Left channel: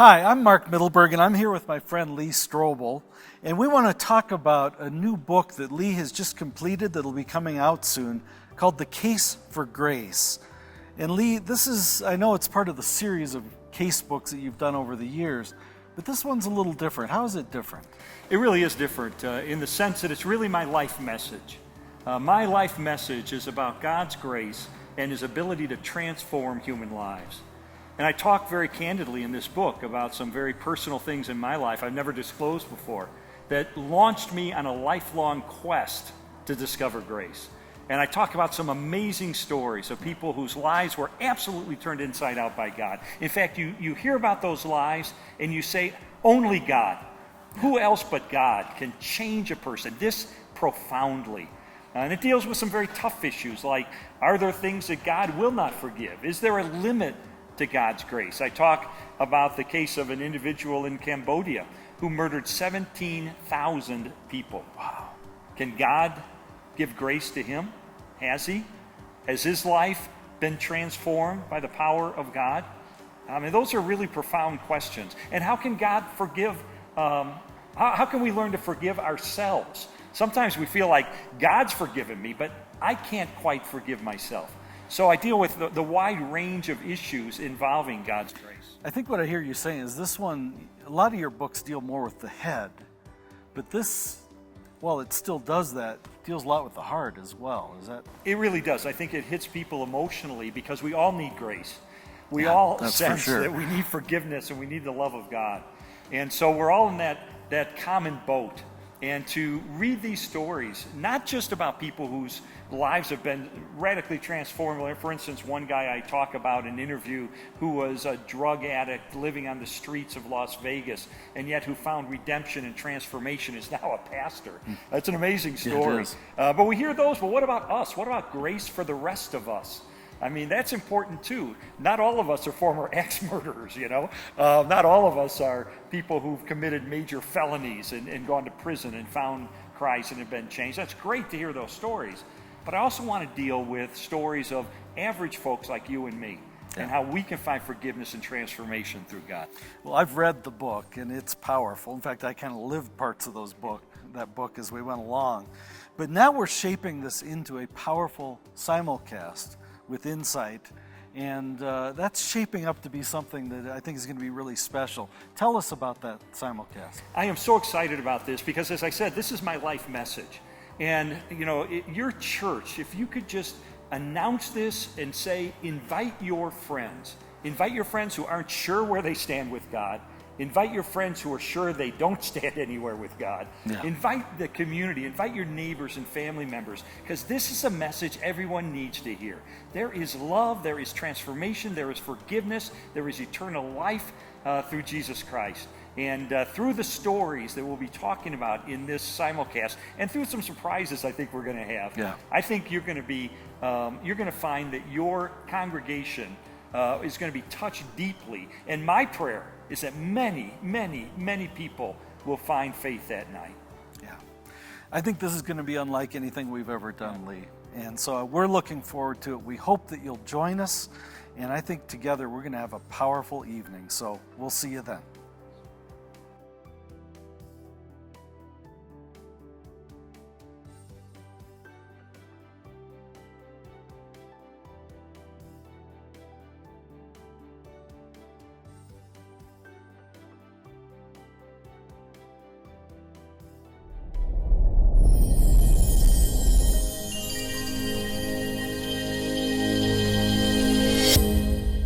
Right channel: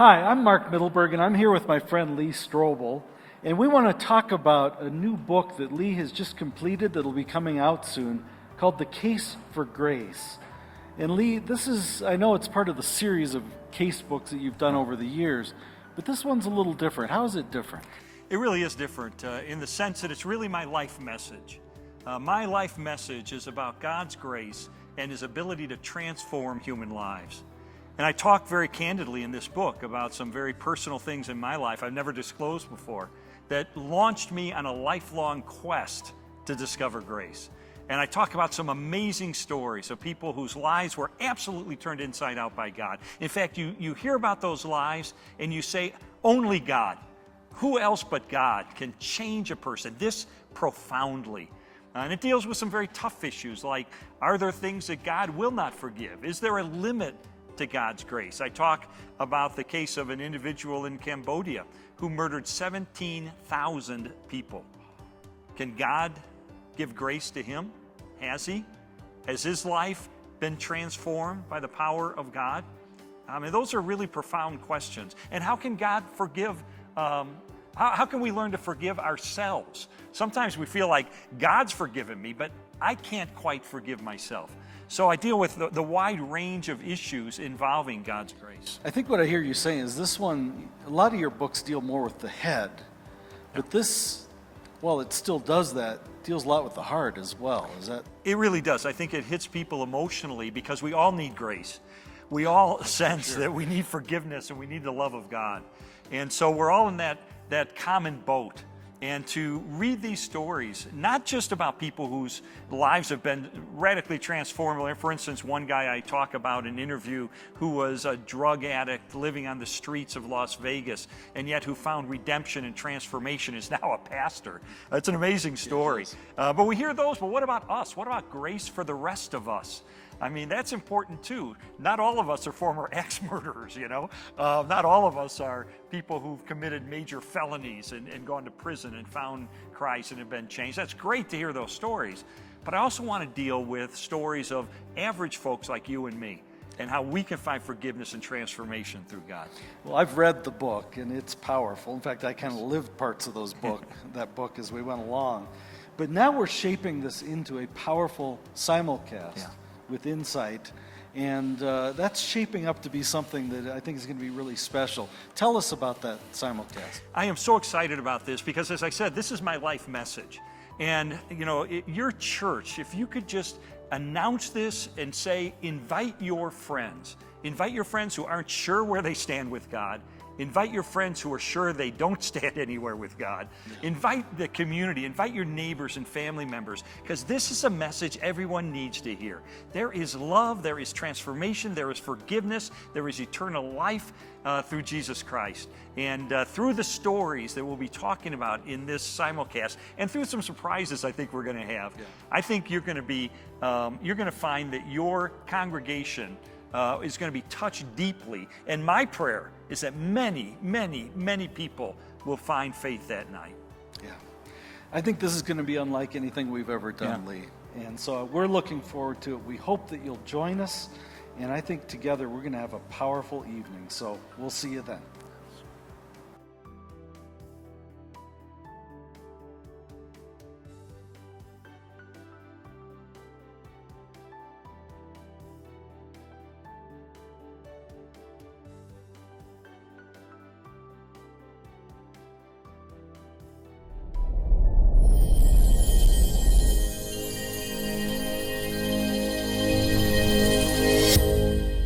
Hi, I'm Mark Mittelberg, and I'm here with my friend Lee Strobel, and we want to talk about a new book that Lee has just completed that'll be coming out soon called The Case For Grace. And Lee, this is, I know it's part of the series of case books that you've done over the years, but this one's a little different. How is it different? It really is different in the sense that it's really my life message. My life message is about God's grace and His ability to transform human lives. And I talk very candidly in this book about some very personal things in my life I've never disclosed before that launched me on a lifelong quest to discover grace. And I talk about some amazing stories of people whose lives were absolutely turned inside out by God. In fact, you hear about those lives and you say, only God. Who else but God can change a person this profoundly? And it deals with some very tough issues like, are there things that God will not forgive? Is there a limit to God's grace? I talk about the case of an individual in Cambodia who murdered 17,000 people. Wow. Can God give grace to him? Has he? Has his life been transformed by the power of God? I mean, those are really profound questions. And how can God forgive? How can we learn to forgive ourselves? Sometimes we feel like God's forgiven me, but I can't quite forgive myself. So I deal with the wide range of issues involving God's grace. I think what I hear you saying is this one, a lot of your books deal more with the head, but this, well, it still does that, deals a lot with the heart as well. Is that? It really does. I think it hits people emotionally because we all need grace. We all sense that we need forgiveness and we need the love of God. And so we're all in that common boat. And to read these stories, not just about people whose lives have been radically transformed. For instance, one guy I talk about in an interview who was a drug addict living on the streets of Las Vegas, and yet who found redemption and transformation, is now a pastor. That's an amazing story. But we hear those, but what about us? What about grace for the rest of us? I mean, that's important too. Not all of us are former ex-murderers, you know. Not all of us are people who've committed major felonies and gone to prison and found Christ and have been changed. That's great to hear those stories. But I also want to deal with stories of average folks like you and me and how we can find forgiveness and transformation through God. Well, I've read the book, and it's powerful. In fact, I kind of lived parts of that book as we went along. But now we're shaping this into a powerful simulcast with insight, and that's shaping up to be something that I think is going to be really special. Tell us about that simulcast. I am so excited about this because, as I said, this is my life message. And, you know, your church, if you could just announce this and say, invite your friends who aren't sure where they stand with God. Invite your friends who are sure they don't stand anywhere with God. Yeah. Invite the community, invite your neighbors and family members, because this is a message everyone needs to hear. There is love, there is transformation, there is forgiveness, there is eternal life through Jesus Christ. And through the stories that we'll be talking about in this simulcast, and through some surprises I think we're going to have, I think you're going to find that your congregation is going to be touched deeply. And my prayer is that many, many, many people will find faith that night. Yeah. I think this is going to be unlike anything we've ever done, Lee. And so we're looking forward to it. We hope that you'll join us. And I think together we're going to have a powerful evening. So we'll see you then.